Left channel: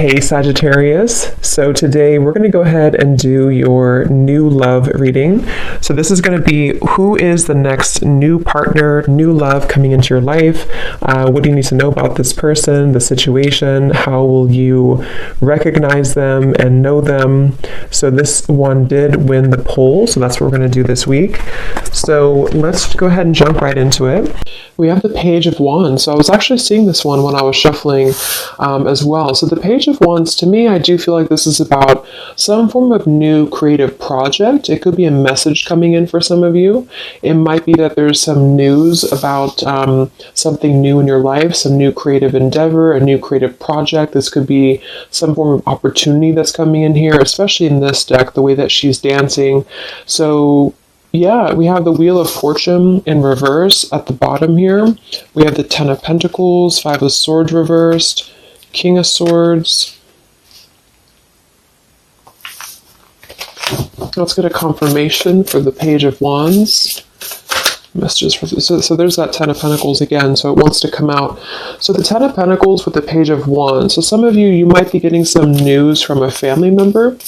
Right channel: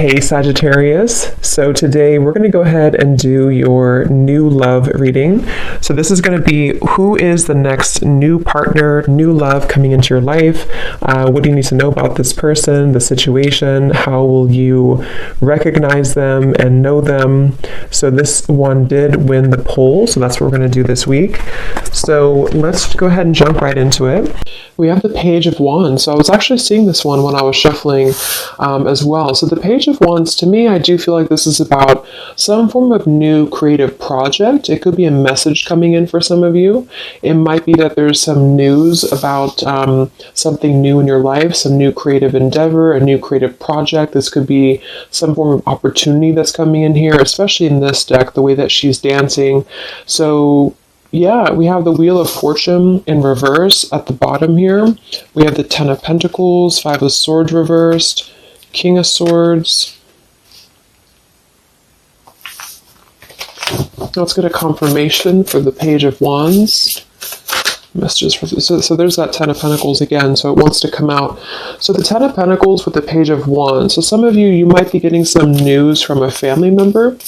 Hey Sagittarius, so today we're going to go ahead and do your new love reading. So this is going to be who is the next new partner, new love coming into your life. What do you need to know about this person, the situation? How will you recognize them and know them? So this one did win the poll, so that's what we're going to do this week. So let's go ahead and jump right into it. We have the Page of Wands. So I was actually seeing this one when I was shuffling as well. So the Page of Wands, to me, I do feel like this is about some form of new creative project. It could be a message coming in for some of you. It might be that there's some news about something new in your life, some new creative endeavor, a new creative project. This could be some form of opportunity that's coming in here, especially in this deck, the way that she's dancing. So yeah, we have the Wheel of Fortune in reverse at the bottom here. We have the Ten of Pentacles, Five of Swords reversed, King of Swords. Let's get a confirmation for the Page of Wands. Messages for so there's that Ten of Pentacles again, so it wants to come out. So the Ten of Pentacles with the Page of Wands. So some of you might be getting some news from a family member.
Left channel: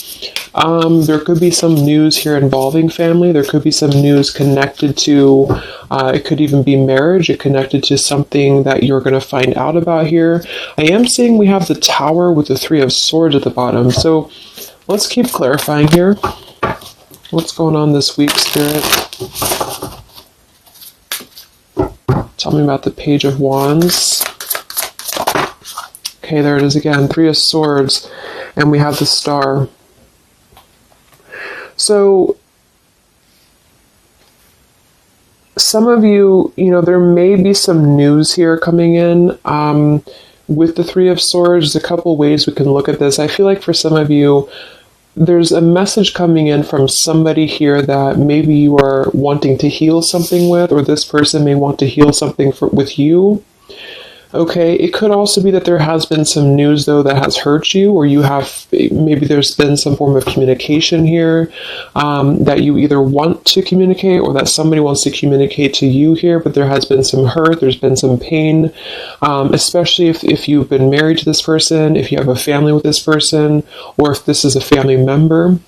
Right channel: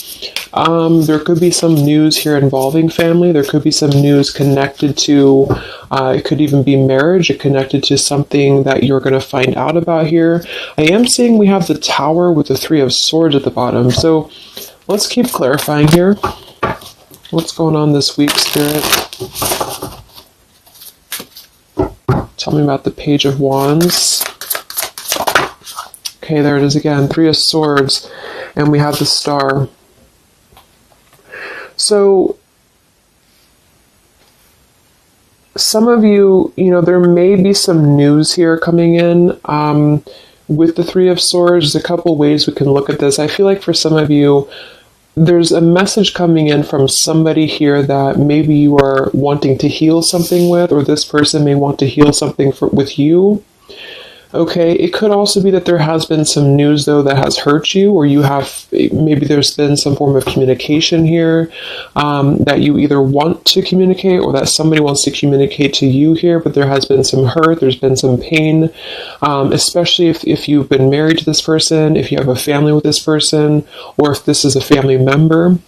There could be some news here involving family. There could be some news connected to, it could even be marriage. It connected to something that you're going to find out about here. I am saying we have the Tower with the Three of Swords at the bottom. So let's keep clarifying here. What's going on this week, Spirit? Tell me about the Page of Wands. Okay, there it is again. Three of Swords. And we have the Star. So, some of you, there may be some news here coming in. With the Three of Swords, there's a couple ways we can look at this. I feel like for some of you, there's a message coming in from somebody here that maybe you are wanting to heal something with, or this person may want to heal something with you. Okay, it could also be that there has been some news, though, that has hurt you, or maybe there's been some form of communication here that you either want to communicate or that somebody wants to communicate to you here, but there has been some hurt, there's been some pain, especially if you've been married to this person, if you have a family with this person, or if this is a family member.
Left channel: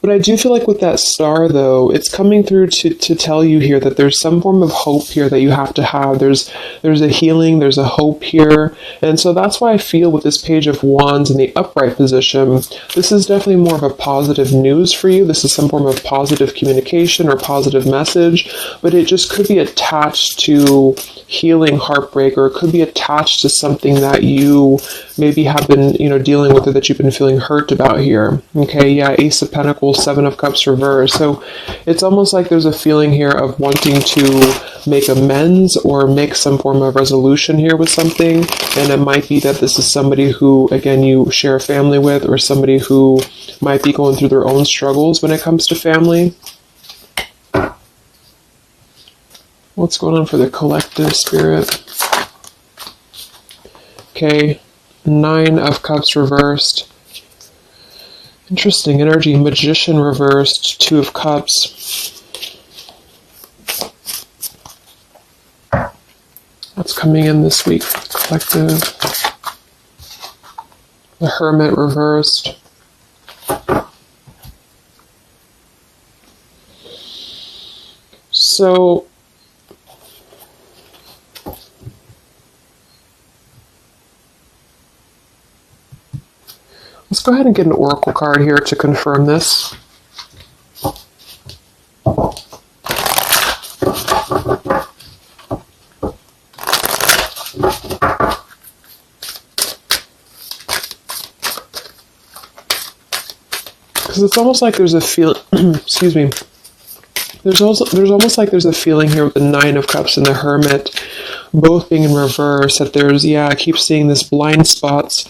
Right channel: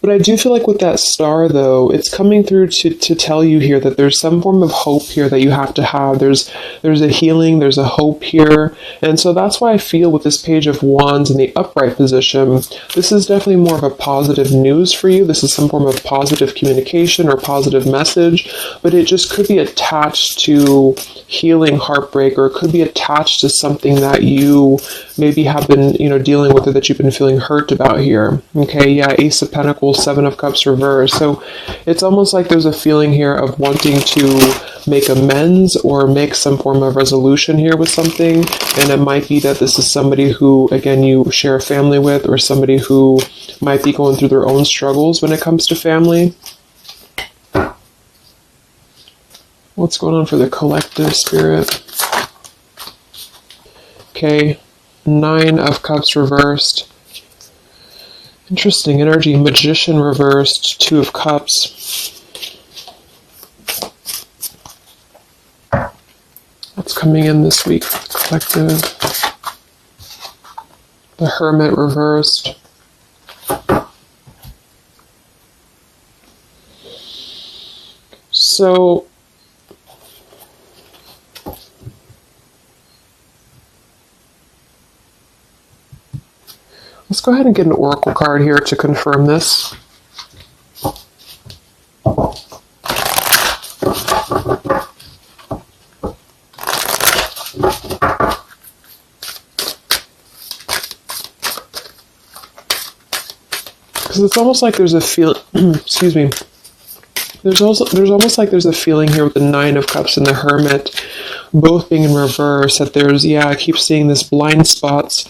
But I do feel like with that Star, though, it's coming through to tell you here that there's some form of hope here that you have to have. There's a healing, there's a hope here. And so that's why I feel with this Page of Wands in the upright position, this is definitely more of a positive news for you. This is some form of positive communication or positive message, but it just could be attached to healing heartbreak, or it could be attached to something that you maybe have been, dealing with, or that you've been feeling hurt about here. Okay, yeah, Ace of Pentacles, Seven of Cups reversed. So it's almost like there's a feeling here of wanting to make amends or make some form of resolution here with something. And it might be that this is somebody who, again, you share a family with, or somebody who might be going through their own struggles when it comes to family. What's going on for the collective, Spirit? Okay, Nine of Cups reversed. Interesting energy. Magician reversed. Two of Cups. What's coming in this week for the collective? The Hermit reversed. So let's go ahead and get an oracle card here to confirm this. Because it's almost like there's a excuse me. There's almost like there's a feeling here with the Nine of Cups and the Hermit both being in reverse, that there's, I keep seeing this blind spots.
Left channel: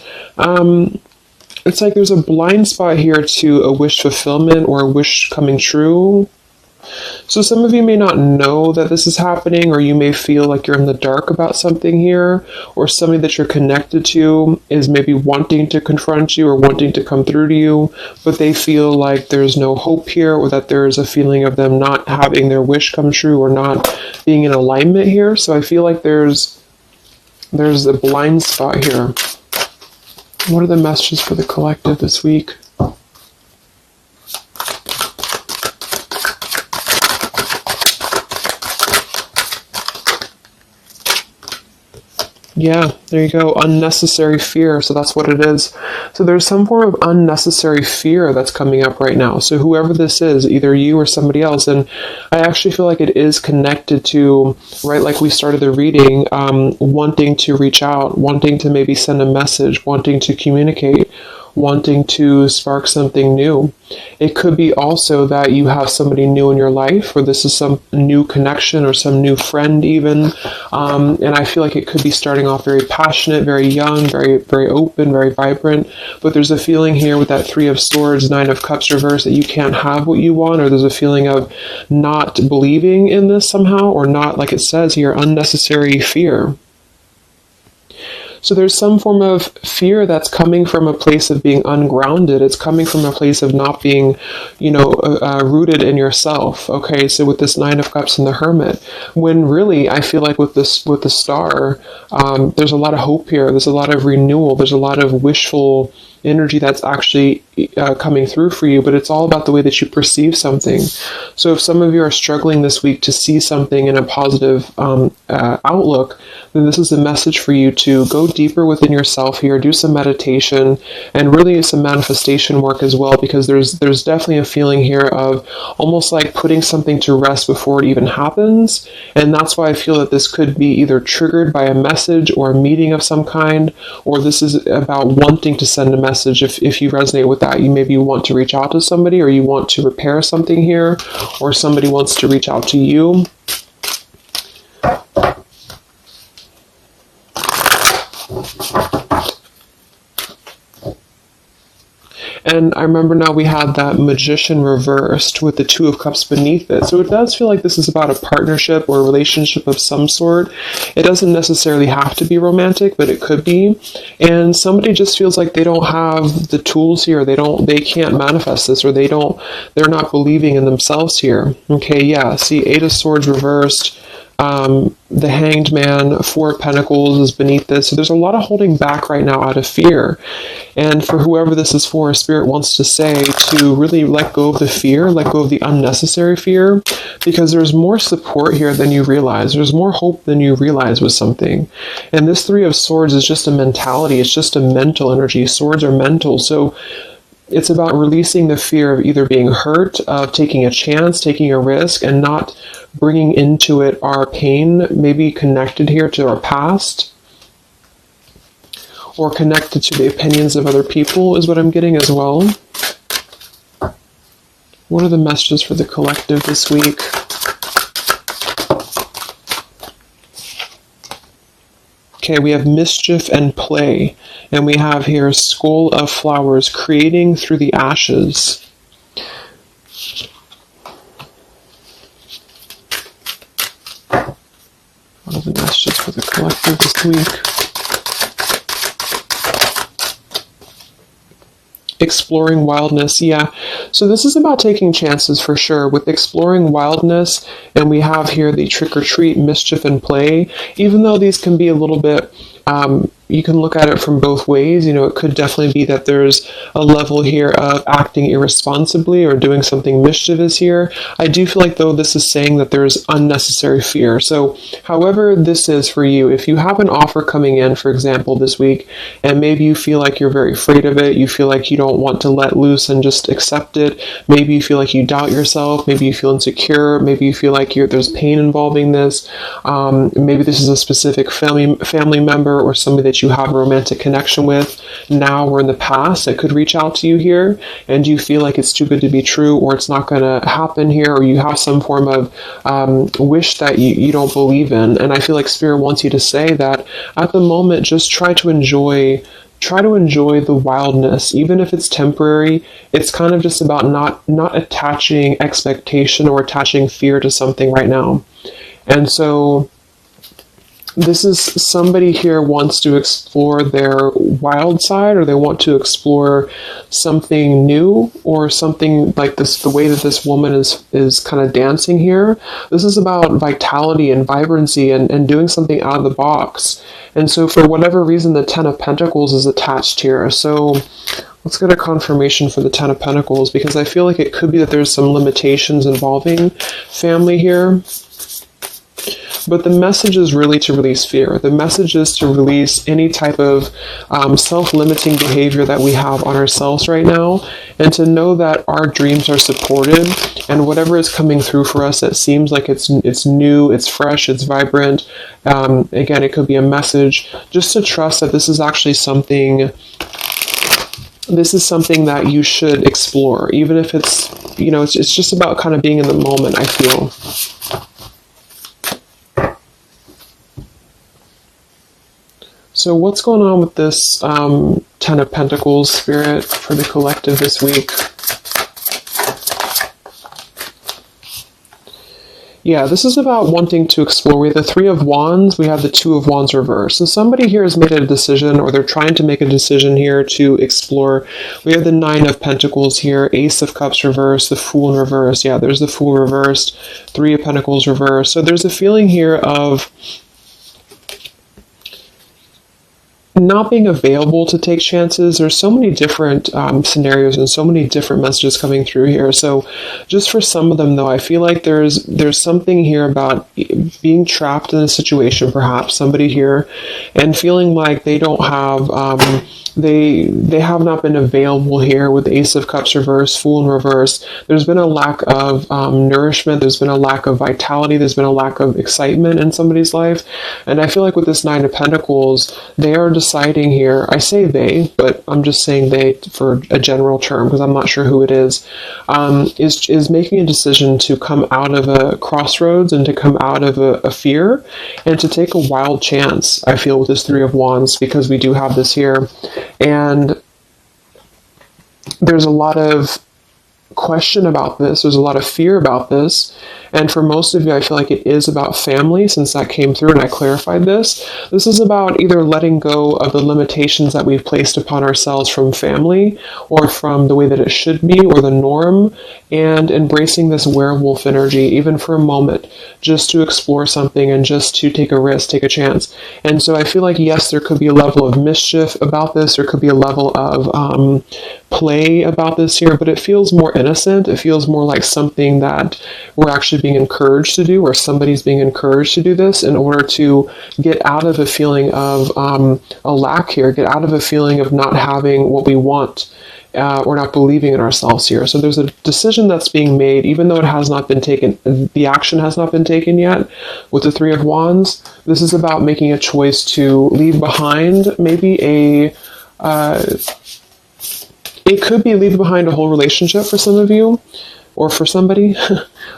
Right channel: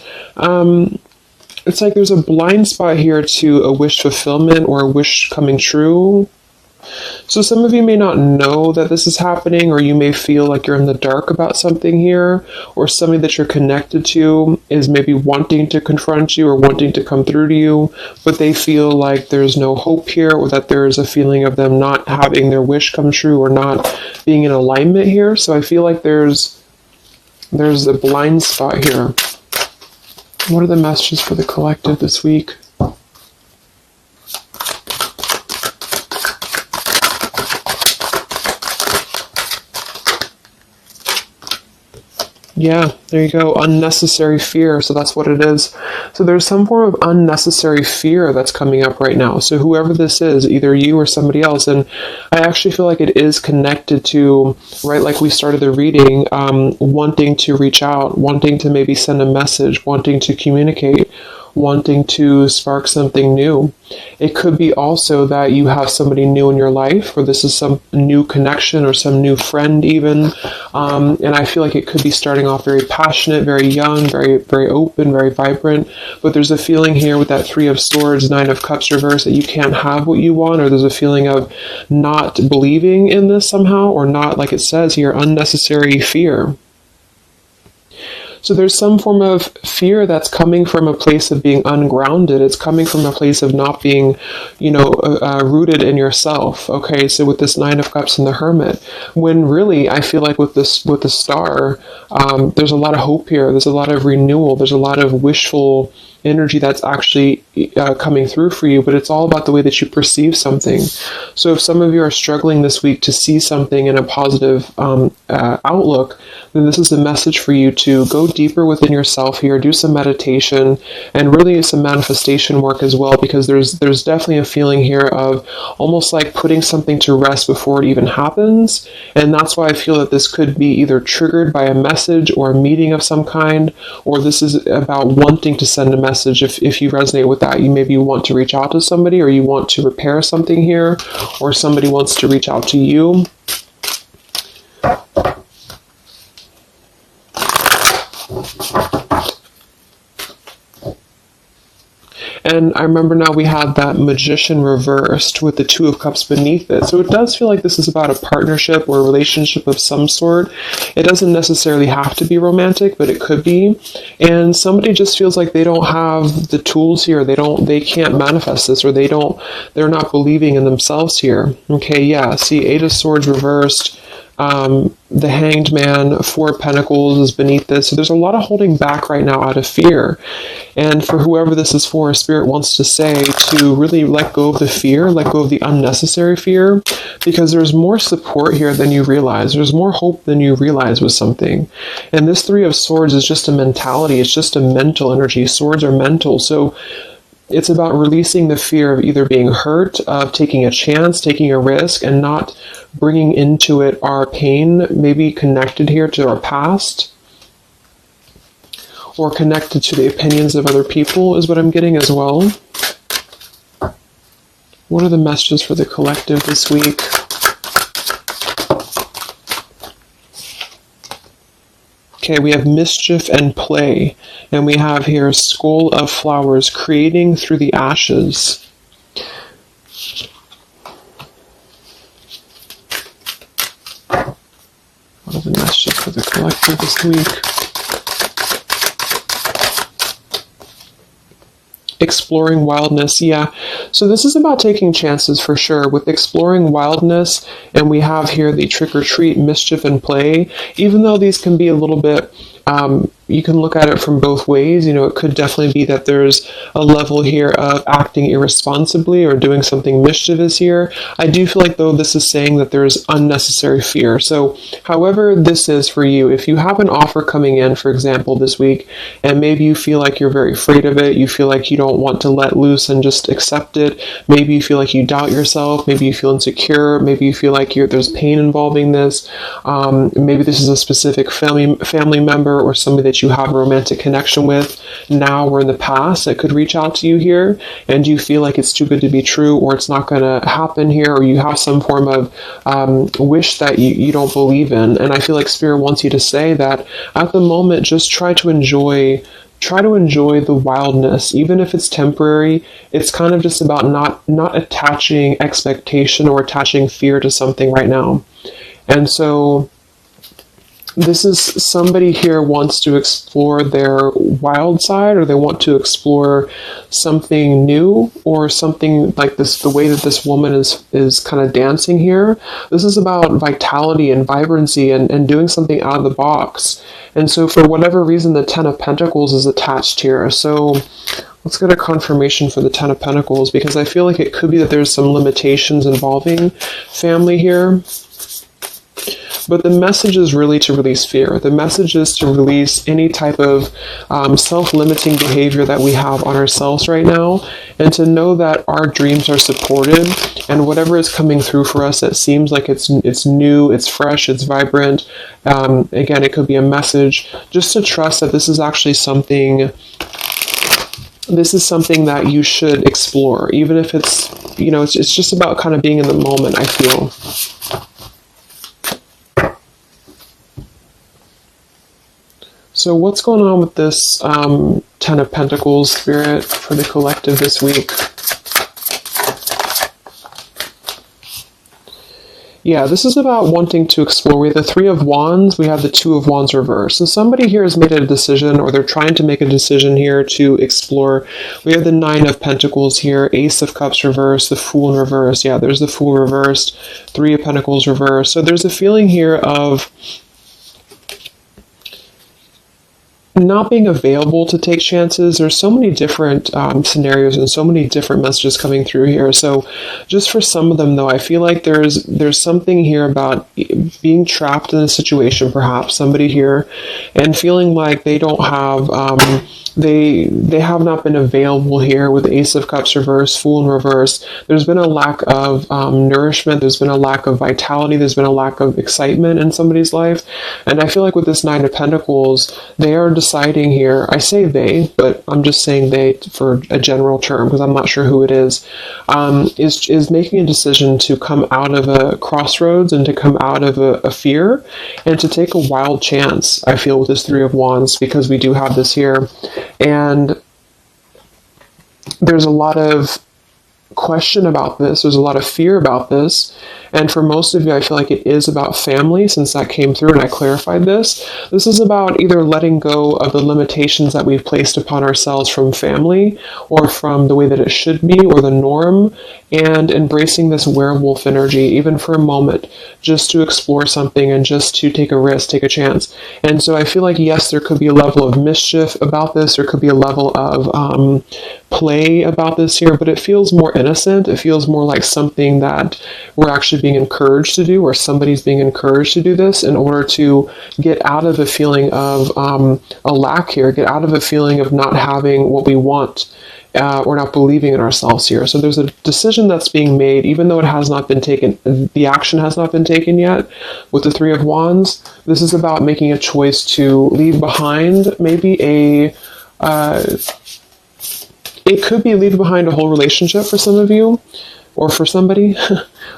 It's like there's a blind spot here to a wish fulfillment or a wish coming true. So some of you may not know that this is happening, or you may feel like you're in the dark about something here, or somebody that you're connected to is maybe wanting to confront you or wanting to come through to you, but they feel like there's no hope here, or that there's a feeling of them not having their wish come true or not being in alignment here. So I feel like there's a blind spot here. What are the messages for the collective this week? Yeah, there you go. Unnecessary fear. So that's what it is. So there's some form of unnecessary fear that's coming up right now. So whoever this is, either you or somebody else, and I actually feel like it is connected to, right, like we started the reading, wanting to reach out, wanting to maybe send a message, wanting to communicate, wanting to spark something new. It could be also that you have somebody new in your life, or this is some new connection or some new friend even. And I feel like it could be starting off very passionate, very young, very, very open, very vibrant. But there's a feeling here with that Three of Swords, Nine of Cups reverse, that you can't have what you want, or there's a feeling of not believing in this somehow, or not, like it says here, unnecessary fear. So there's some form of fear that's coming from a place of being ungrounded. It's coming from a place of not being, rooted in yourself. Okay, so with this Nine of Cups and the Hermit, when really I feel like with the Star, there's a lot of hope here. There's a lot of renewal. There's a lot of wishful energy that's actually coming through for you, but it's all about the way that you perceive something. So if some of you are struggling this week to see something in a positive outlook, then this is the message for you to go deeper within yourself here, do some meditation, and really some manifestation work as well, because there's definitely a feeling here of almost like putting something to rest before it even happens. And that's why I feel that this could be either triggered by a message or a meeting of some kind, or this is about wanting to send a message. If you resonate with that, you maybe want to reach out to somebody, or you want to repair something here, or somebody wants to reach out to you. And I remember now we have that Magician reversed with the Two of Cups beneath it. So it does feel like this is about a partnership or a relationship of some sort. It doesn't necessarily have to be romantic, but it could be. And somebody just feels like they don't have the tools here. They can't manifest this, or they're not believing in themselves here. Okay, yeah. See, Eight of Swords reversed. The Hanged Man, Four of Pentacles is beneath this. So there's a lot of holding back right now out of fear. And for whoever this is for, Spirit wants to say to really let go of the fear, let go of the unnecessary fear, because there's more support here than you realize. There's more hope than you realize with something. And this Three of Swords is just a mentality. It's just a mental energy. Swords are mental. So it's about releasing the fear of either being hurt, of taking a chance, taking a risk, and not bringing into it our pain, maybe connected here to our past, or connected to the opinions of other people is what I'm getting as well. What are the messages for the collective this week? Okay, we have mischief and play. And we have here Skull of Flowers, creating through the ashes. What are the messages for the collective this week? Exploring wildness, yeah. So this is about taking chances for sure. With exploring wildness, and we have here the trick or treat, mischief and play. Even though these can be a little bit, you can look at it from both ways. It could definitely be that there's a level here of acting irresponsibly or doing something mischievous here. I do feel like, though, this is saying that there's unnecessary fear. So however this is for you, if you have an offer coming in, for example, this week, and maybe you feel like you're very afraid of it, you feel like you don't want to let loose and just accept it, maybe you feel like you doubt yourself, maybe you feel insecure, maybe you feel like there's pain involving this, maybe this is a specific family member or somebody that you have a romantic connection with now or in the past that could reach out to you here, and you feel like it's too good to be true, or it's not going to happen here, or you have some form of wish that you don't believe in. And I feel like Spirit wants you to say that at the moment, just try to enjoy the wildness, even if it's temporary. It's kind of just about not attaching expectation or attaching fear to something right now. And so This is somebody here wants to explore their wild side, or they want to explore something new, or something like this. The way that this woman is kind of dancing here. This is about vitality and vibrancy, and doing something out of the box. And so for whatever reason, the Ten of Pentacles is attached here. So let's get a confirmation for the Ten of Pentacles, because I feel like it could be that there's some limitations involving family here. But the message is really to release fear. The message is to release any type of self-limiting behavior that we have on ourselves right now, and to know that our dreams are supported, and whatever is coming through for us that seems like it's new, it's fresh, it's vibrant. Again, it could be a message. Just to trust that this is actually something. This is something that you should explore, even if it's, it's just about kind of being in the moment, I feel. So what's going on with this Ten of Pentacles, Spirit, for the collective this week? Yeah, this is about wanting to explore. We have the Three of Wands, we have the Two of Wands reverse. So somebody here has made a decision, or they're trying to make a decision here to explore. We have the Nine of Pentacles here, Ace of Cups reverse, the Fool in reverse. Yeah, there's the Fool reversed, Three of Pentacles reverse. So there's a feeling here of not being available to take chances. There's so many different scenarios and so many different messages coming through here. So just for some of them, though, I feel like there's something here about being trapped in a situation, perhaps somebody here, and feeling like they don't have they have not been available here with Ace of Cups reverse, Fool in reverse. There's been a lack of nourishment. There's been a lack of vitality. There's been a lack of excitement in somebody's life. And I feel like with this Nine of Pentacles, they are deciding here. I say they, but I'm just saying they for a general term, because I'm not sure who it is making a decision to come out of a crossroads, and to come out of a fear, and to take a wild chance, I feel, with this Three of Wands, because we do have this here. And there's a lot of question about this. There's a lot of fear about this. And for most of you, I feel like it is about family, since that came through and I clarified this. This is about either letting go of the limitations that we've placed upon ourselves from family, or from the way that it should be, or the norm, and embracing this werewolf energy, even for a moment, just to explore something and just to take a risk, take a chance. And so I feel like, yes, there could be a level of mischief about this. There could be a level of play about this here, but it feels more innocent. It feels more like something that we're actually being encouraged to do, or somebody's being encouraged to do this in order to get out of a feeling of a lack here, get out of a feeling of not having what we want. Or not believing in ourselves here. So there's a decision that's being made, even though it has not been taken, the action has not been taken yet. With the Three of Wands, this is about making a choice to leave behind maybe it could be leaving behind a whole relationship for some of you, or for somebody,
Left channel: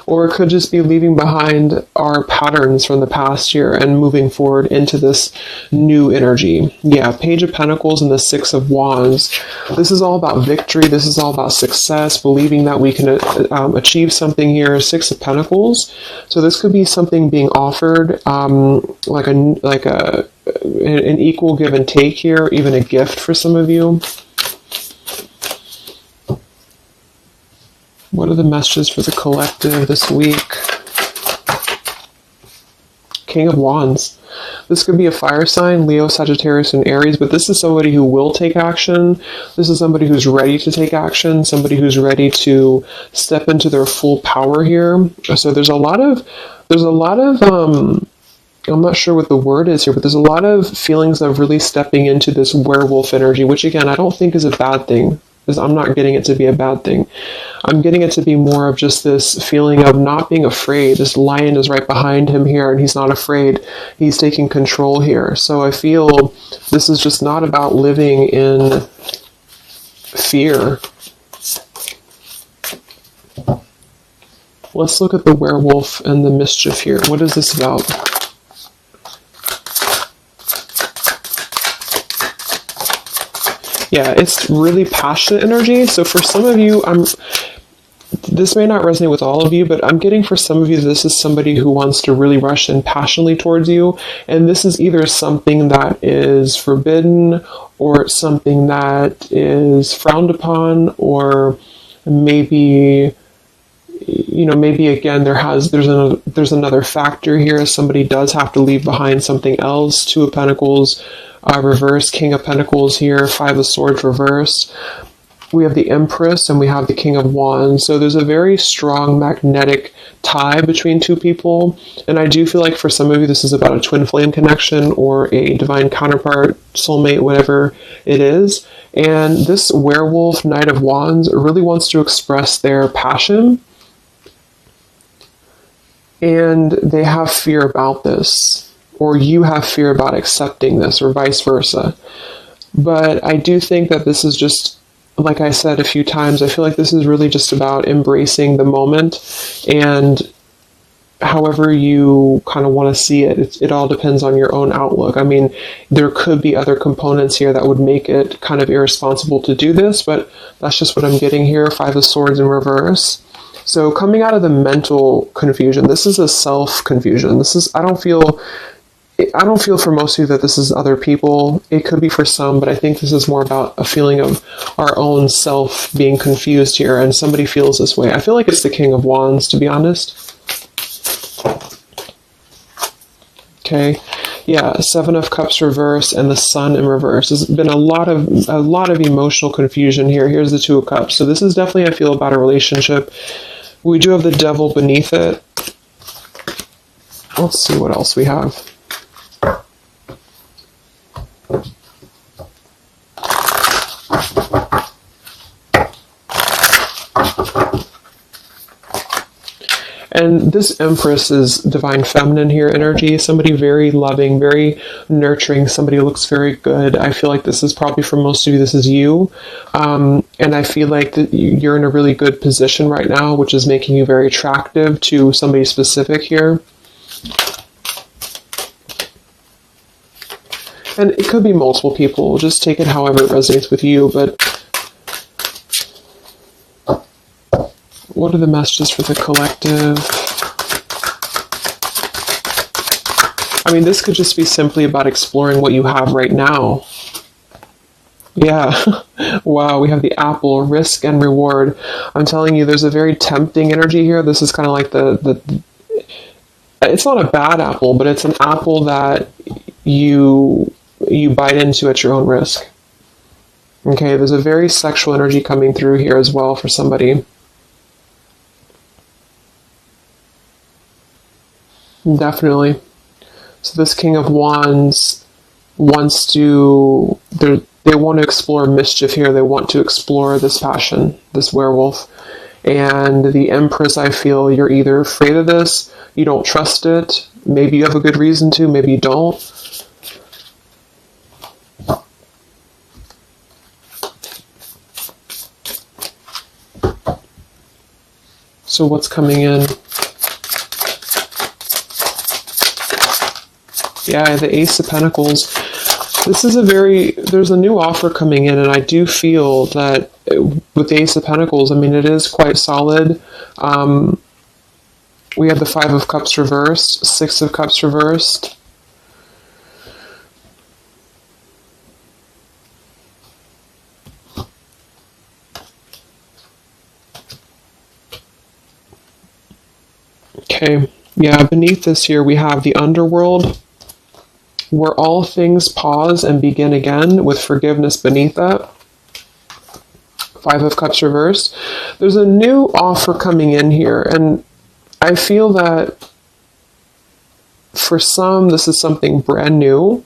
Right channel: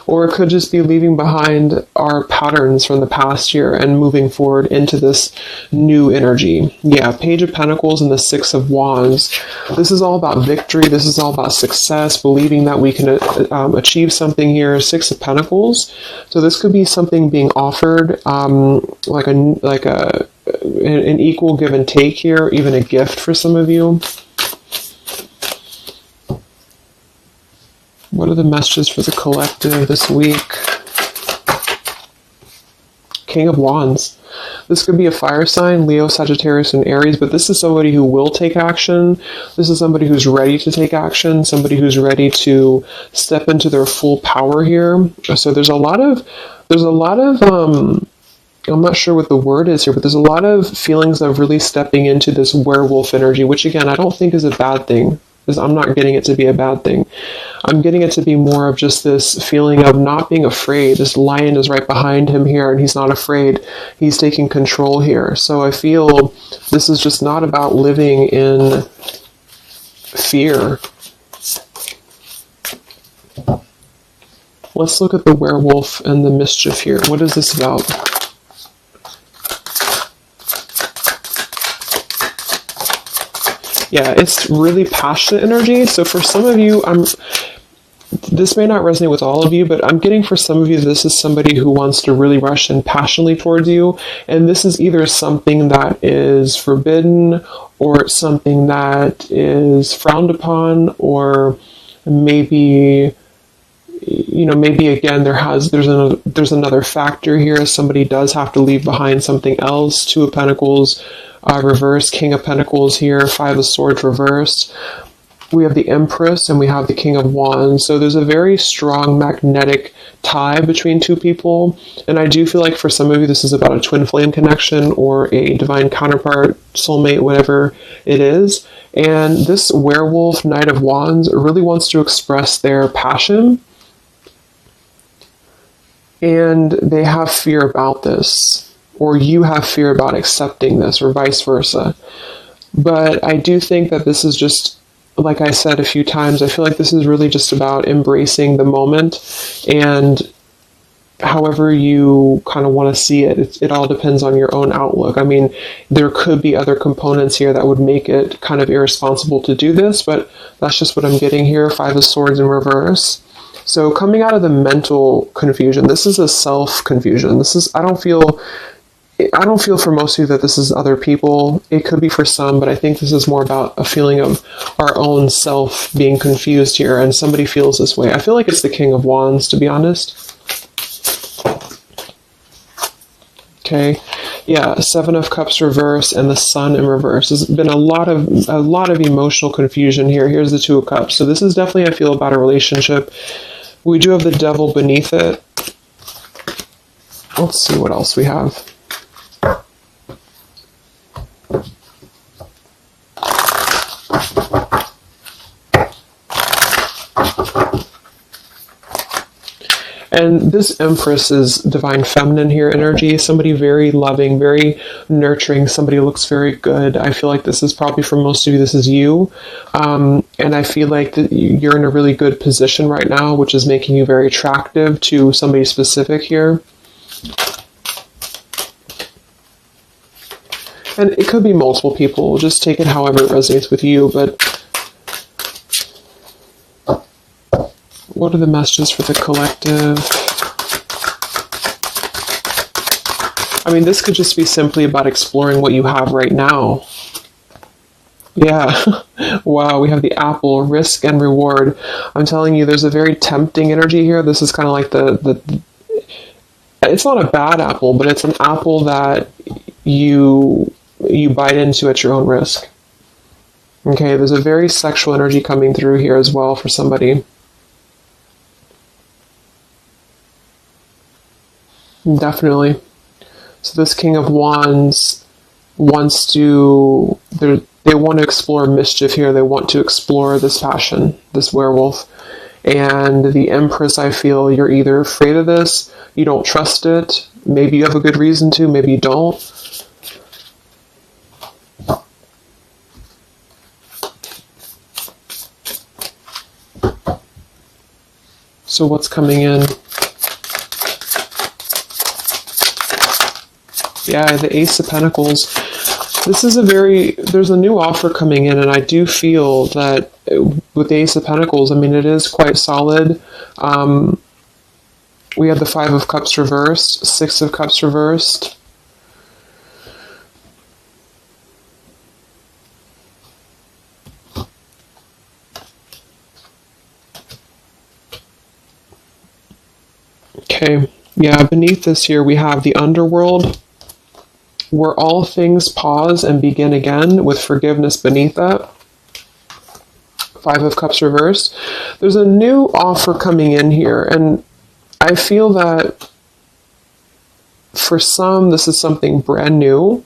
or it could just be leaving behind our patterns from the past year and moving forward into this new energy. Yeah, Page of Pentacles and the Six of Wands. This is all about victory. This is all about success, believing that we can achieve something here. Six of Pentacles. So this could be something being offered, like an equal give and take here, even a gift for some of you. What are the messages for the collective this week? King of Wands. This could be a fire sign, Leo, Sagittarius, and Aries, but this is somebody who will take action. This is somebody who's ready to take action, somebody who's ready to step into their full power here. So there's a lot of I'm not sure what the word is here, but there's a lot of feelings of really stepping into this werewolf energy, which again, I don't think is a bad thing. Because I'm not getting it to be a bad thing. I'm getting it to be more of just this feeling of not being afraid. This lion is right behind him here, and he's not afraid. He's taking control here. So I feel this is just not about living in fear. Let's look at the werewolf and the mischief here. What is this about? Yeah, it's really passionate energy. So for some of you, this may not resonate with all of you, but I'm getting for some of you, this is somebody who wants to really rush in passionately towards you. And this is either something that is forbidden or something that is frowned upon, or maybe, maybe again, there's another factor here. Somebody does have to leave behind something else. Two of Pentacles, reverse, King of Pentacles here, Five of Swords reversed. We have the Empress and we have the King of Wands. So there's a very strong magnetic tie between two people. And I do feel like for some of you, this is about a twin flame connection or a divine counterpart, soulmate, whatever it is. And this werewolf, Knight of Wands, really wants to express their passion. And they have fear about this, or you have fear about accepting this, or vice versa. But I do think that this is just, like I said a few times, I feel like this is really just about embracing the moment, and however you kind of want to see it, it all depends on your own outlook. I mean, there could be other components here that would make it kind of irresponsible to do this, but that's just what I'm getting here. Five of Swords in reverse. So coming out of the mental confusion, this is a self-confusion. I don't feel for most of you that this is other people. It could be for some, but I think this is more about a feeling of our own self being confused here, and somebody feels this way. I feel like it's the King of Wands, to be honest. Okay. Yeah, Seven of Cups reverse and the Sun in reverse. There's been a lot of emotional confusion here. Here's the Two of Cups. So this is definitely, I feel, about a relationship. We do have the Devil beneath it. Let's see what else we have. And this Empress is divine feminine here energy. Somebody very loving, very nurturing. Somebody who looks very good. I feel like this is probably for most of you, this is you. And I feel like you're in a really good position right now, which is making you very attractive to somebody specific here. And it could be multiple people. Just take it however it resonates with you. But what are the messages for the collective? I mean, this could just be simply about exploring what you have right now. Yeah. Wow, we have the Apple, risk and reward. I'm telling you, there's a very tempting energy here. This is kind of like it's not a bad apple, but it's an apple that you bite into at your own risk. Okay, there's a very sexual energy coming through here as well for somebody. Definitely. So this King of Wands wants to, they want to explore mischief here. They want to explore this passion, this werewolf. And the Empress, I feel you're either afraid of this, you don't trust it, maybe you have a good reason to, maybe you don't. So what's coming in? Yeah, the Ace of Pentacles. This is there's a new offer coming in, and I do feel that with the Ace of Pentacles, I mean, it is quite solid. We have the Five of Cups reversed, Six of Cups reversed. Okay, yeah, beneath this here, we have the Underworld, where all things pause and begin again, with forgiveness beneath that. Five of Cups reversed. There's a new offer coming in here, and I feel that for some, this is something brand new,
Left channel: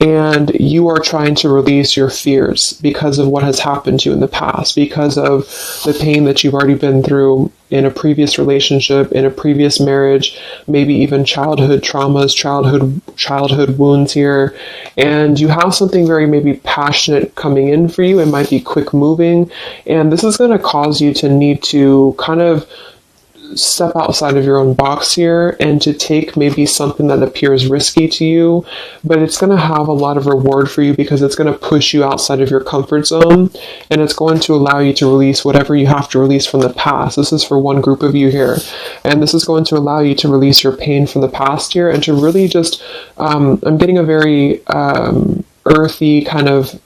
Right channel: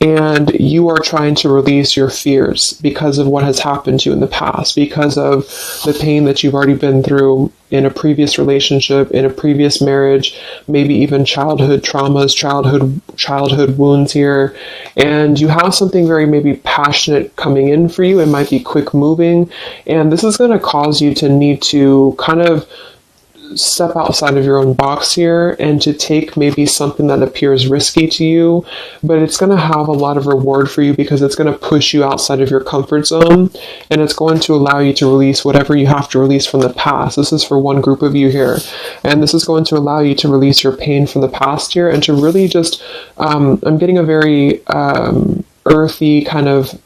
and you are trying to release your fears because of what has happened to you in the past, because of the pain that you've already been through in a previous relationship, in a previous marriage, maybe even childhood traumas, childhood wounds here. And you have something very maybe passionate coming in for you. It might be quick moving. And this is going to cause you to need to kind of step outside of your own box here and to take maybe something that appears risky to you, but it's going to have a lot of reward for you because it's going to push you outside of your comfort zone, and it's going to allow you to release whatever you have to release from the past. This is for one group of you here, and this is going to allow you to release your pain from the past here and to really just, I'm getting a very earthy kind of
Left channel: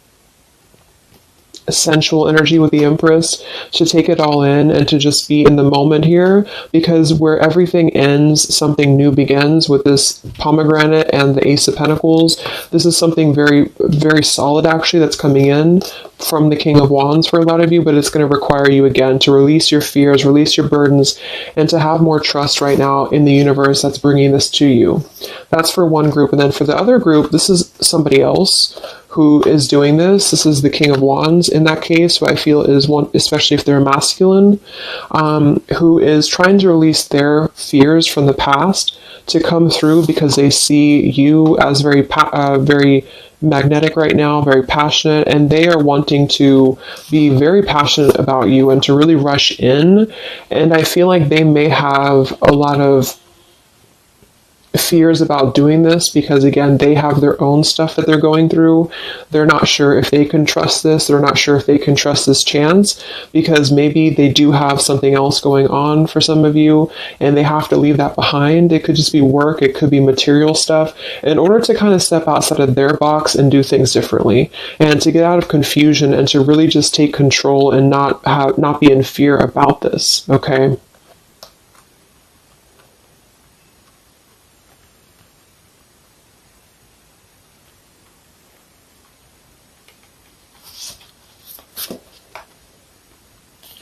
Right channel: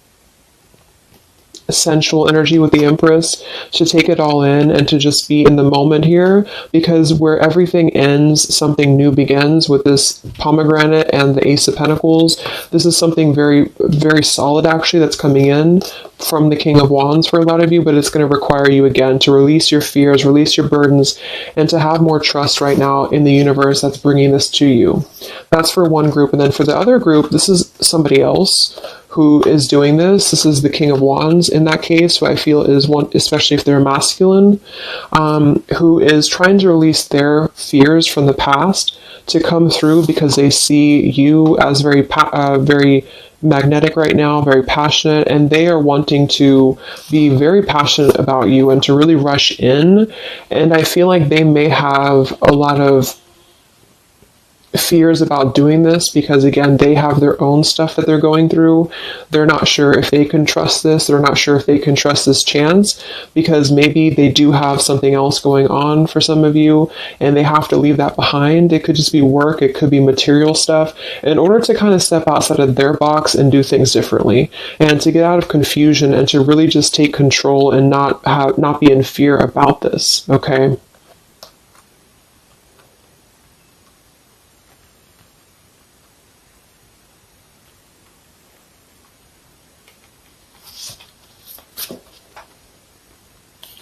sensual energy with the Empress, to take it all in and to just be in the moment here, because where everything ends, something new begins with this pomegranate and the Ace of Pentacles. This is something very, very solid actually that's coming in from the King of Wands for a lot of you, but it's going to require you again to release your fears, release your burdens, and to have more trust right now in the universe that's bringing this to you. That's for one group. And then for the other group, this is somebody else who is doing this. This is the King of Wands in that case, who I feel is one, especially if they're masculine, who is trying to release their fears from the past to come through because they see you as very magnetic right now, very passionate, and they are wanting to be very passionate about you and to really rush in. And I feel like they may have a lot of fears about doing this because, again, they have their own stuff that they're going through. They're not sure if they can trust this. They're not sure if they can trust this chance because maybe they do have something else going on for some of you and they have to leave that behind. It could just be work. It could be material stuff in order to kind of step outside of their box and do things differently and to get out of confusion and to really just take control and not be in fear about this. Okay.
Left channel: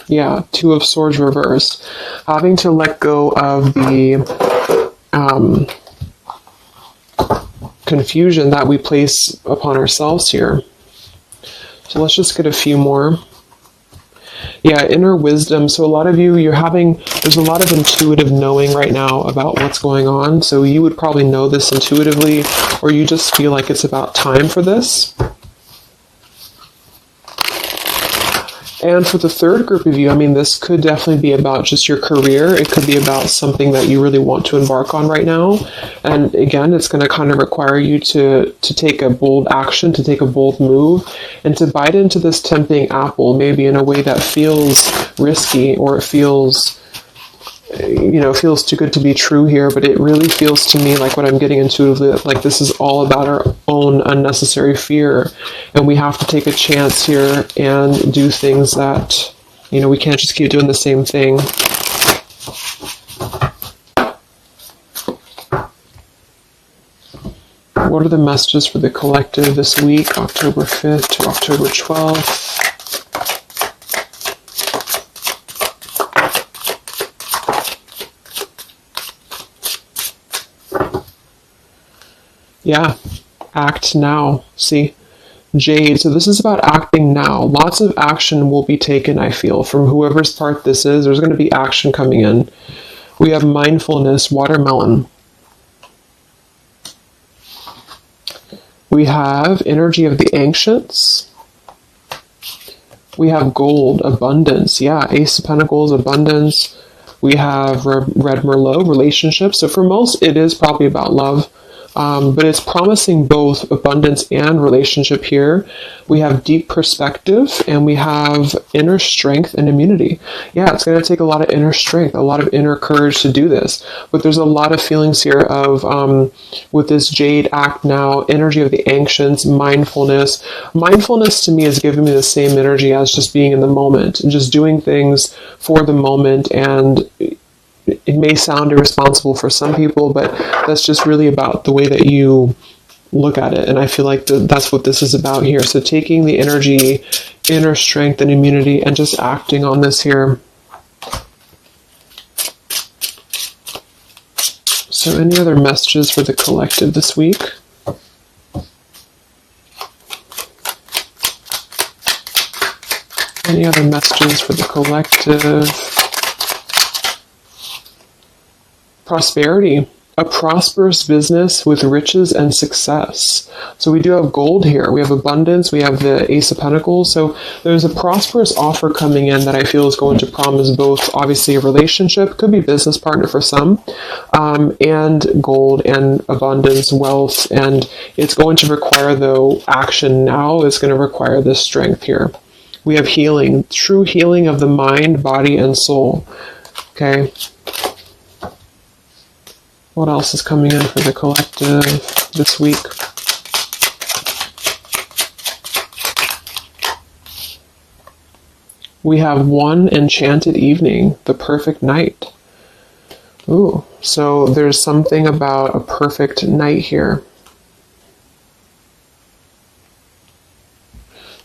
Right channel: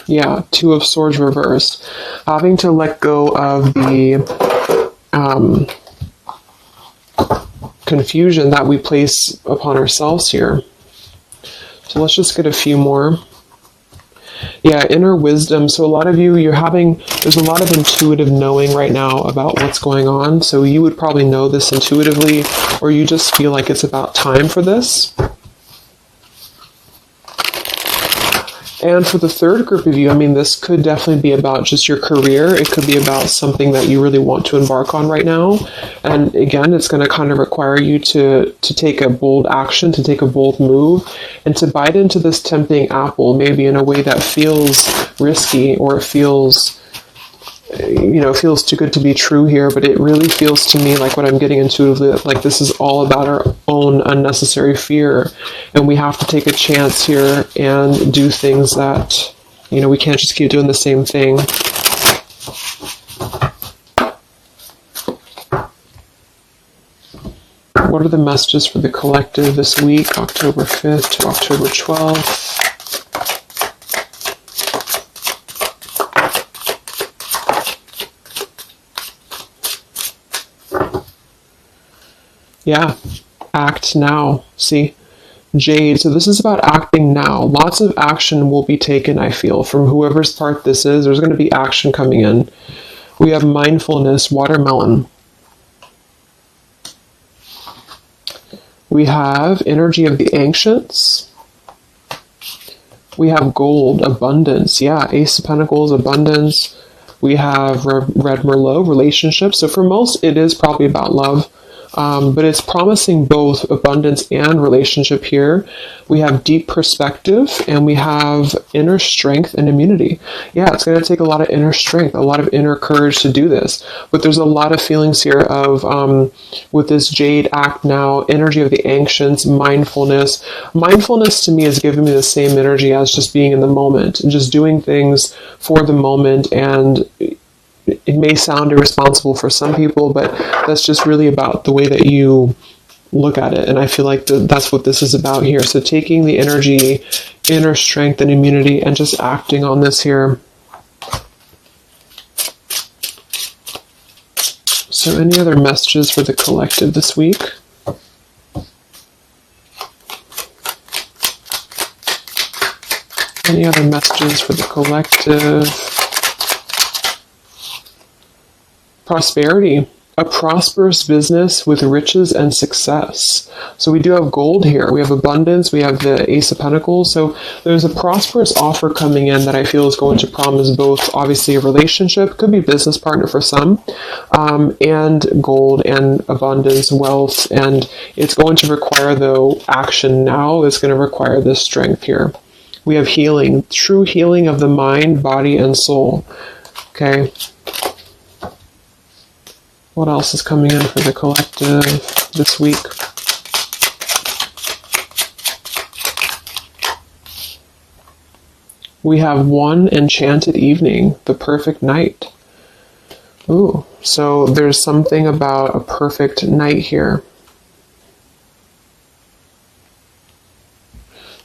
Yeah, Two of Swords reversed. Having to let go of the confusion that we place upon ourselves here. So let's just get a few more. Yeah, inner wisdom. So a lot of you, there's a lot of intuitive knowing right now about what's going on. So you would probably know this intuitively, or you just feel like it's about time for this. And for the third group of you, this could definitely be about just your career. It could be about something that you really want to embark on right now. And again, it's going to kind of require you to take a bold action, to take a bold move, and to bite into this tempting apple, maybe in a way that feels risky or feels too good to be true here, but it really feels to me like what I'm getting intuitively, like this is all about our own unnecessary fear, and we have to take a chance here and do things that, we can't just keep doing the same thing. What are the messages for the collective this week, October 5th to October 12th? Yeah, act now. See, Jade. So this is about acting now. Lots of action will be taken, I feel, from whoever's part this is. There's going to be action coming in. We have mindfulness, watermelon. We have energy of the ancients. We have gold, abundance. Yeah, Ace of Pentacles, abundance. We have Red Merlot, relationships. So for most, it is probably about love. But it's promising both abundance and relationship here. We have deep perspective, and we have inner strength and immunity. Yeah, it's going to take a lot of inner strength, a lot of inner courage to do this. But there's a lot of feelings here of, with this Jade, act now, energy of the ancients, mindfulness. Mindfulness to me is giving me the same energy as just being in the moment and just doing things for the moment. And it may sound irresponsible for some people, but that's just really about the way that you look at it. And I feel like that's what this is about here. So taking the energy, inner strength and immunity, and just acting on this here. So any other messages for the collective this week? Any other messages for the collective? Prosperity. a prosperous business with riches and success. So we do have gold here. We have abundance. We have the Ace of Pentacles. So there's a prosperous offer coming in that I feel is going to promise both, obviously, a relationship, could be a business partner for some, and gold and abundance, wealth. And it's going to require, though, action now. It's going to require this strength here. We have healing, true healing of the mind, body, and soul. Okay. What else is coming in for the collective this week? We have one enchanted evening, the perfect night. Ooh, so there's something about a perfect night here.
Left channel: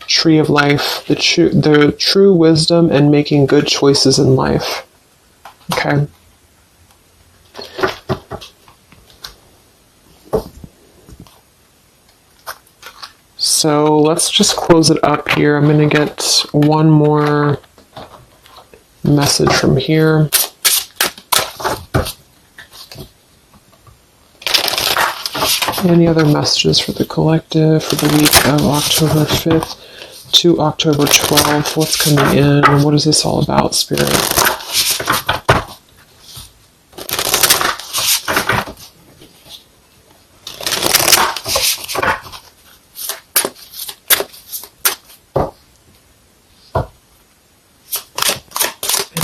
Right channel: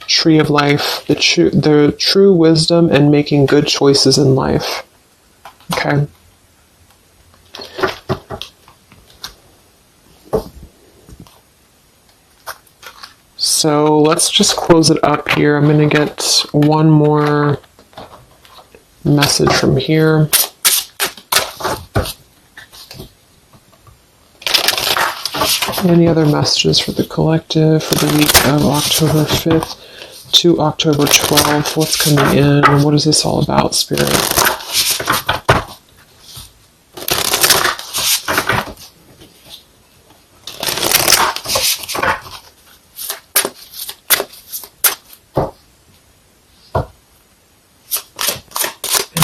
Tree of life, the true wisdom and making good choices in life. Okay. So let's just close it up here. I'm going to get one more message from here. Any other messages for the collective for the week of October 5th to October 12th? What's coming in? What is this all about, Spirit?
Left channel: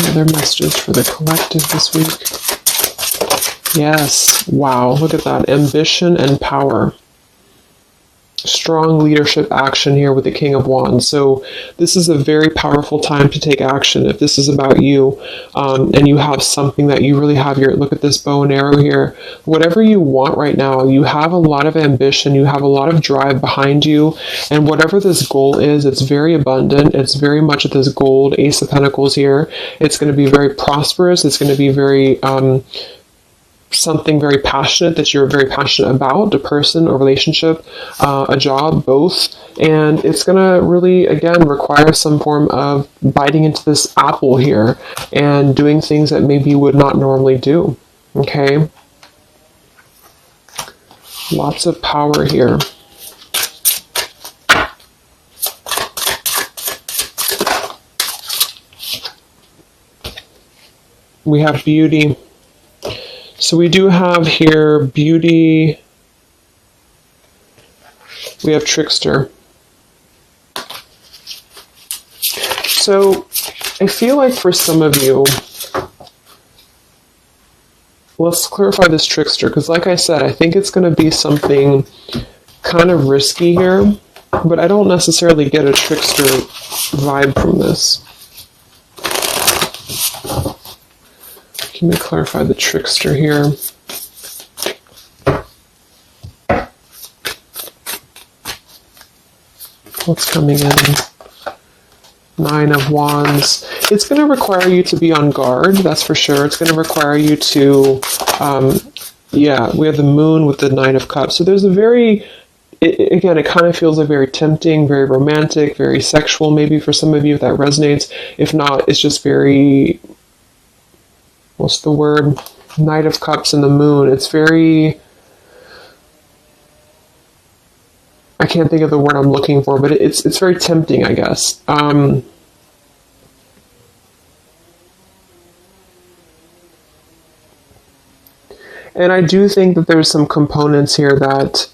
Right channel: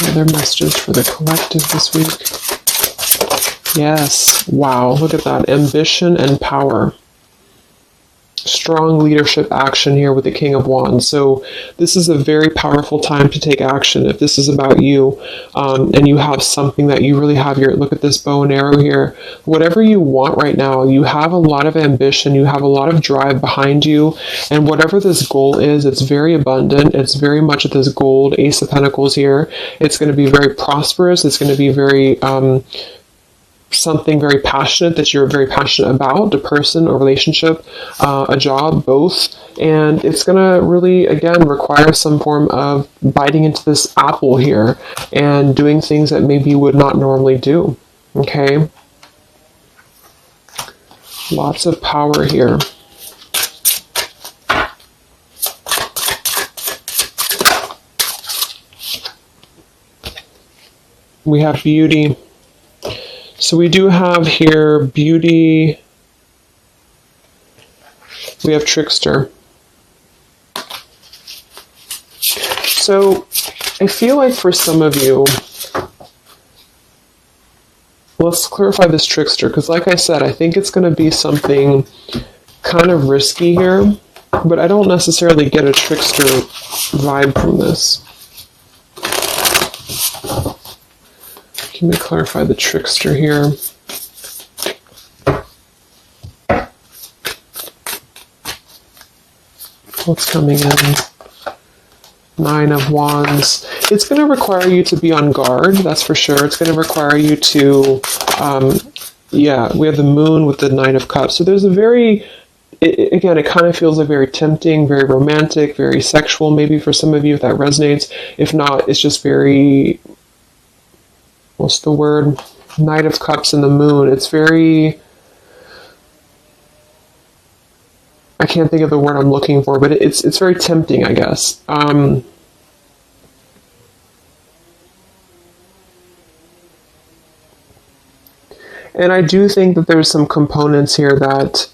Other messages for the collective this week. Yes. Wow. Look at that. Ambition and power. Strong leadership action here with the King of Wands. So this is a very powerful time to take action. If this is about you, and you have something that you really have your, look at this bow and arrow here. Whatever you want right now, you have a lot of ambition, you have a lot of drive behind you, and whatever this goal is, it's very abundant. It's very much this gold Ace of Pentacles here. It's going to be very prosperous. It's going to be very, something very passionate that you're very passionate about, the person, a relationship, a job, both. And it's going to really, again, require some form of biting into this apple here and doing things that maybe you would not normally do. Okay? Lots of power here. We have beauty. So we do have here beauty. We have trickster. So I feel like for some of you, let's clarify this trickster, because like I said, I think it's going to be something kind of risky here, but I don't necessarily get a trickster vibe from this. Can we clarify the trickster here? What's coming in? Nine of Wands. It's going to require you to be on guard, that's for sure. It's going to require you to, yeah, we have the Moon with the Nine of Cups. So there's a very, again, it kind of feels like very tempting, very romantic, very sexual, maybe for some of you if that resonates. If not, it's just very, what's the word? Knight of Cups and the Moon. It's very, I can't think of the word I'm looking for, but it's very tempting, I guess. And I do think that there's some components here that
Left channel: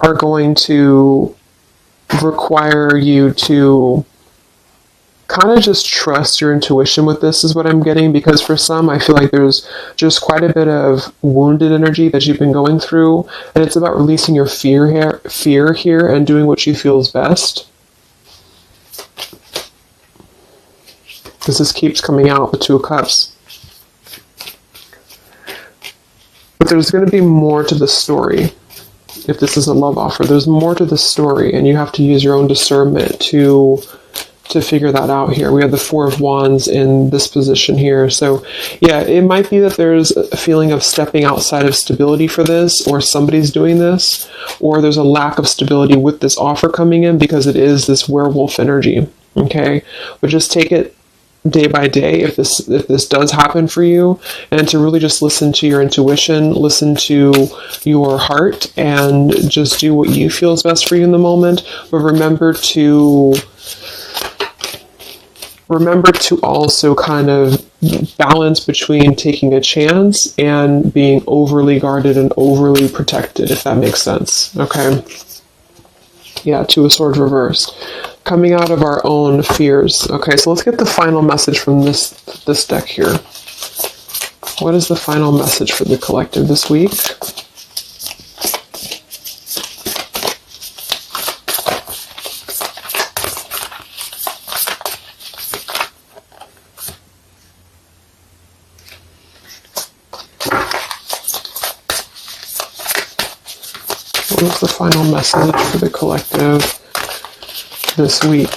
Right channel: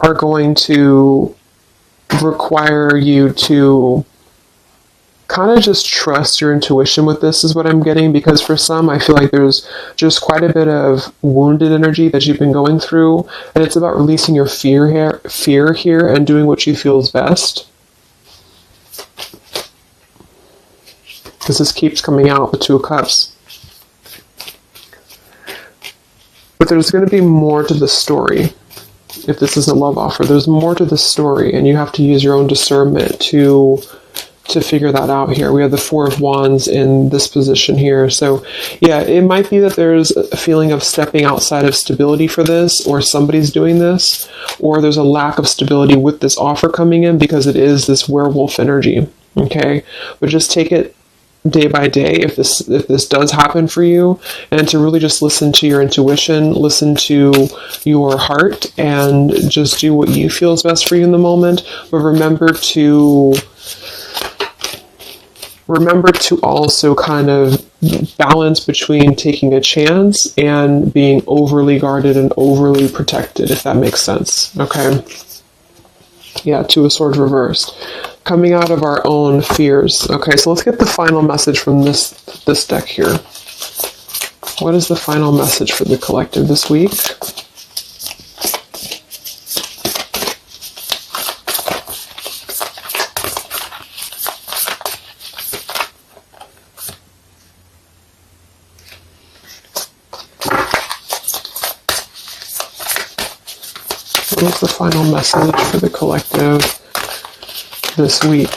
are going to require you to kind of just trust your intuition with this, is what I'm getting, because for some, I feel like there's just quite a bit of wounded energy that you've been going through, and it's about releasing your fear here and doing what you feel is best. Because this keeps coming out, the Two of Cups. But there's going to be more to the story. If this is a love offer, there's more to the story, and you have to use your own discernment to figure that out here. We have the Four of Wands in this position here. So yeah, it might be that there's a feeling of stepping outside of stability for this, or somebody's doing this, or there's a lack of stability with this offer coming in because it is this werewolf energy. Okay? But just take it day by day if this does happen for you, and to really just listen to your intuition, listen to your heart, and just do what you feel is best for you in the moment. But remember to also kind of balance between taking a chance and being overly guarded and overly protected, if that makes sense. Okay. Yeah, Two of Swords reversed. Coming out of our own fears. Okay, so let's get the final message from this deck here. What is the final message for the collective this week? What is the final message for the collective this week?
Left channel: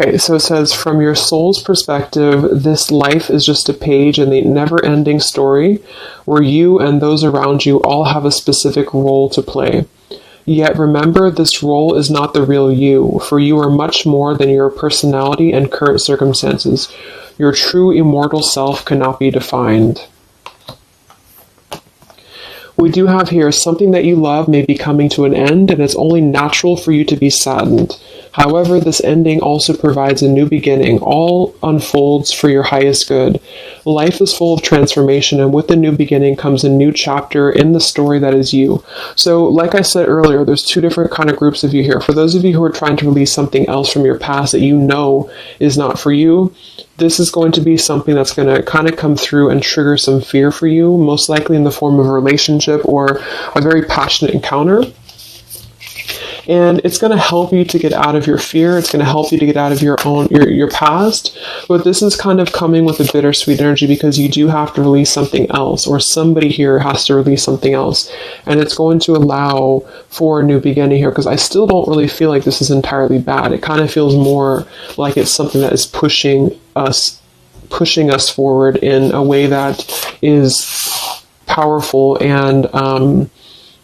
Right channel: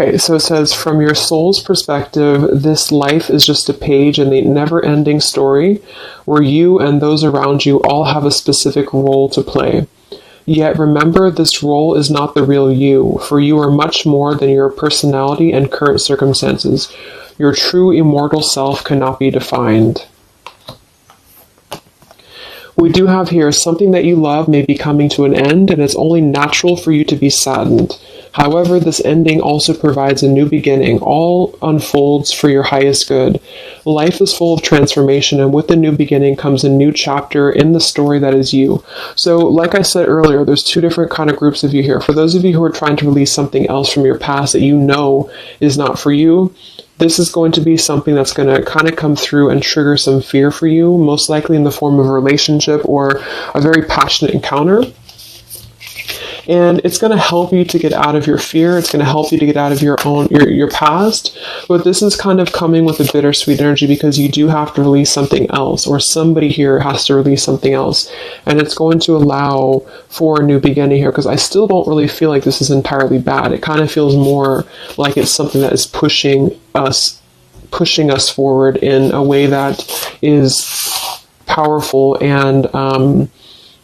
Okay, so it says, from your soul's perspective, this life is just a page in the never-ending story where you and those around you all have a specific role to play. Yet remember, this role is not the real you, for you are much more than your personality and current circumstances. Your true immortal self cannot be defined. We do have here, something that you love may be coming to an end, and it's only natural for you to be saddened. However, this ending also provides a new beginning. All unfolds for your highest good. Life is full of transformation, and with the new beginning comes a new chapter in the story that is you. So, like I said earlier, there's two different kind of groups of you here. For those of you who are trying to release something else from your past that you know is not for you, this is going to be something that's going to kind of come through and trigger some fear for you, most likely in the form of a relationship or a very passionate encounter. And it's going to help you to get out of your fear. It's going to help you to get out of your past. But this is kind of coming with a bittersweet energy because you do have to release something else, or somebody here has to release something else. And it's going to allow for a new beginning here, because I still don't really feel like this is entirely bad. It kind of feels more like it's something that is pushing us forward in a way that is powerful and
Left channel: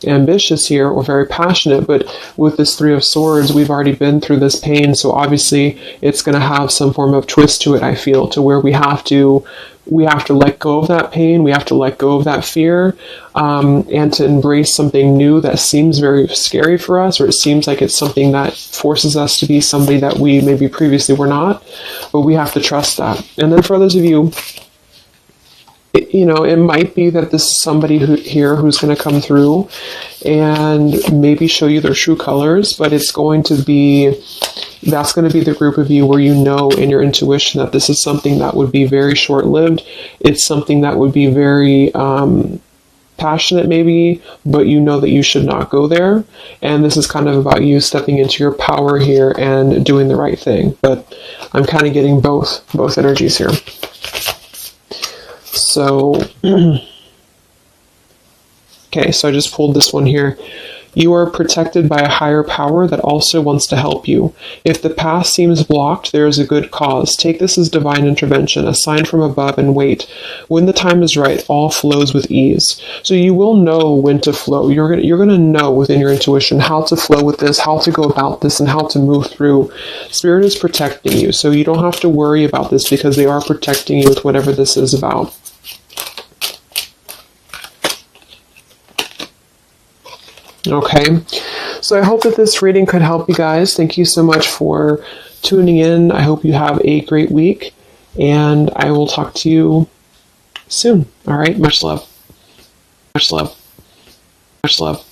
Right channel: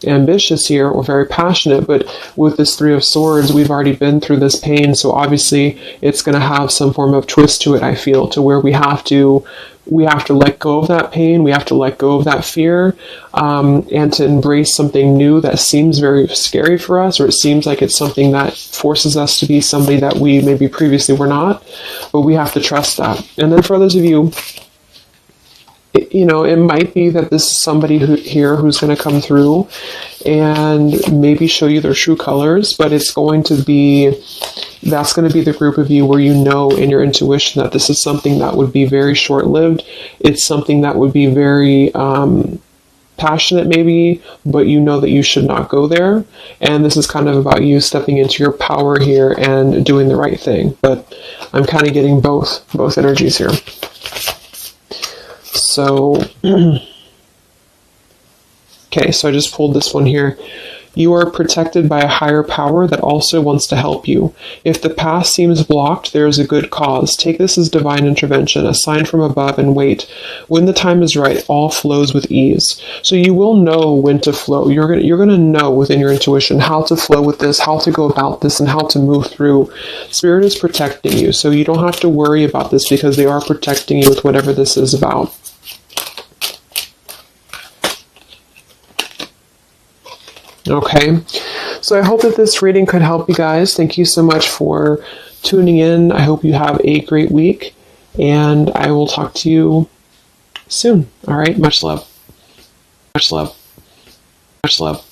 ambitious here, or very passionate. But with this Three of Swords, we've already been through this pain, so obviously it's going to have some form of twist to it, I feel, to where we have to let go of that pain, we have to let go of that fear, and to embrace something new that seems very scary for us, or it seems like it's something that forces us to be somebody that we maybe previously were not, but we have to trust that. And then for those of you, it might be that this is somebody who's going to come through and maybe show you their true colors, but that's going to be the group of you where you know in your intuition that this is something that would be very short-lived. It's something that would be very passionate maybe, but you know that you should not go there. And this is kind of about you stepping into your power here and doing the right thing. But I'm kind of getting both energies here. So, okay, so I just pulled this one here. You are protected by a higher power that also wants to help you. If the path seems blocked, there is a good cause. Take this as divine intervention, a sign from above, and wait. When the time is right, all flows with ease. So you will know when to flow. You're gonna know within your intuition how to flow with this, how to go about this, and how to move through. Spirit is protecting you, so you don't have to worry about this because they are protecting you with whatever this is about. Okay, so I hope that this reading could help you guys. Thank you so much for tuning in. I hope you have a great week, and I will talk to you soon. All right, much love. Much love. Much love.